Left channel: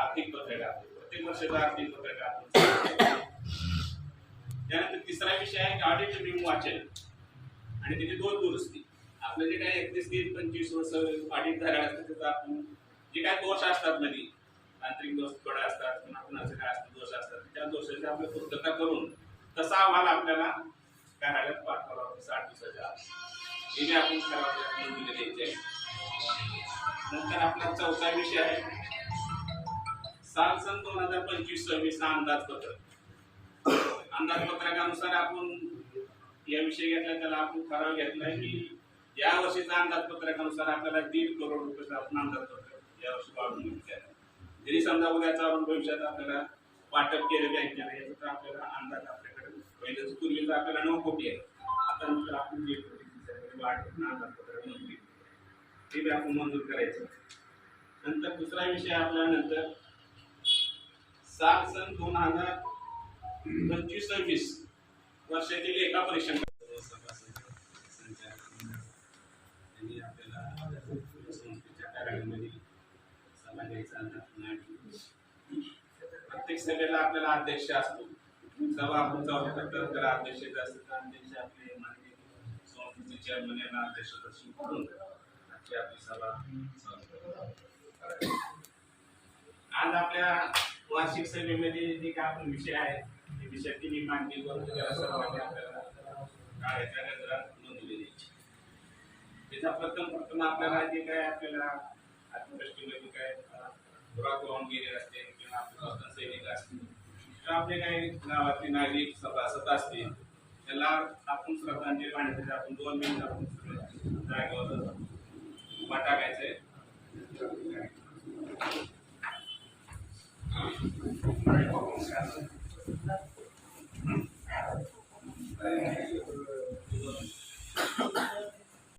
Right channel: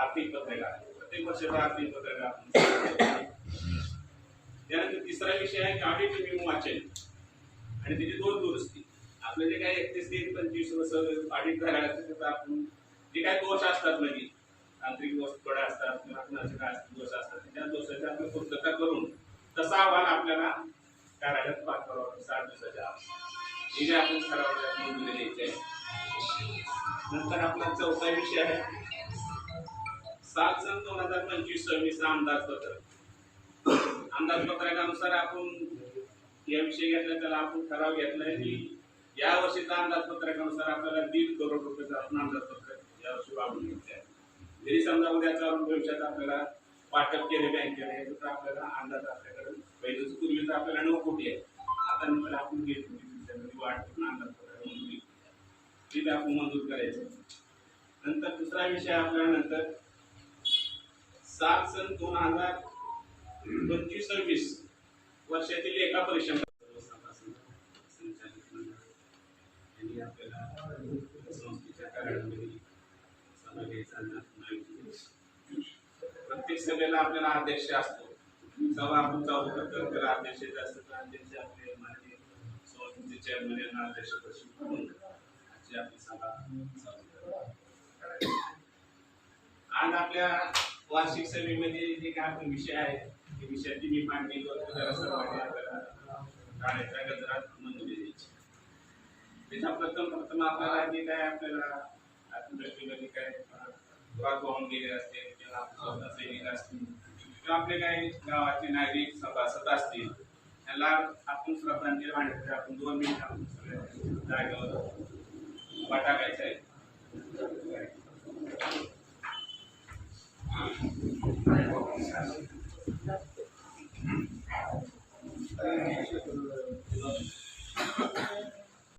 आर्थिक पत्रकार, प्रत्येक वर्षाचं आर्थिक पत्रकार आपण. त्यानंतर तिसरा विषय आहे की ऑडिट रिव्ह्यू वाचन आणि त्याची दुरुस्ती. आपलं जे काय 31-25 वर्ष ऑडिट झालेलं असतं त्याचा आपण जे काय दोष असतात म्हणजे तांत्रिक दोष थोडे असतात किंवा कुणाचे काय दोष असतात त्या दोषाची आपली पूर्तता करून तसा अहवाल आपल्याला कार्यालयात पाठवावा 60 दिवसाच्या आत. हे जे आपण ठरावात मंजुरी द्यायची आहे. नंतर आपला चौथा विषय आहे 7/2025-26 अंदाजपत्रक. अंदाजपत्रकानुसार आपण या विषय घेतला त्याला आपण ठराव घेतलाय की या वर्षीचा अंदाजपत्रकानुसार आपल्याला 1.5 करोड रुपयाचं आपण अंदाजपत्रक यावर्षी वाढवून घ्यायचं आहे. जरी समजा उद्या चालून भविष्यात आपल्याला वाटप केलं बँकेला याचं तर आपल्याला अंदाज आपल्याकडे पहिलेच पूर्वीच आपल्याला 9 कोटी आहे, आता नंतर आपण 1.5 कोटी वाढ अंदाजपत्रक मंजूर ठीक आहे आपण मंजूर करायचं. नंतर दुसरा विषय आपल्याला नंतर 7/2025-26 वर्षाची लेखा परीक्षण यांनी आपल्याला संस्थेच्या कार्यालयामध्ये सभा घ्यायचा. प्रत्येक सभेला आपल्याला अध्यक्ष असतो. सभा आपण चालू करतो त्याला अध्यक्ष असतात. अध्यक्ष आपले माननीय संस्थेचे चेअरमन यांना अध्यक्षपदी करून आजची आपली सभा चालू. आज आपल्या वार्षिक सभेमध्ये जे काय आपण विषय आहेत ते विषयाची मी मांडणी करतो. त्याला सर्वांनी आपल्याला काळाच्या गजरात मंजुरी द्यायची. त्याचा प्रथम आपल्याला जे काय आपल्याला आत्मदृष्टीमध्ये काय दुरात वाहून गेले असतील किंवा आपले स्वातंत्र्य सैनिक असतील किंवा आपले काही गावातले नागरिक सभासद असतील त्यांना आपण श्रद्धांजली वाहण्यासाठी आपण 2 मिनिट आपण जागेवर वाटा घ्यायचा आहे. Thank you.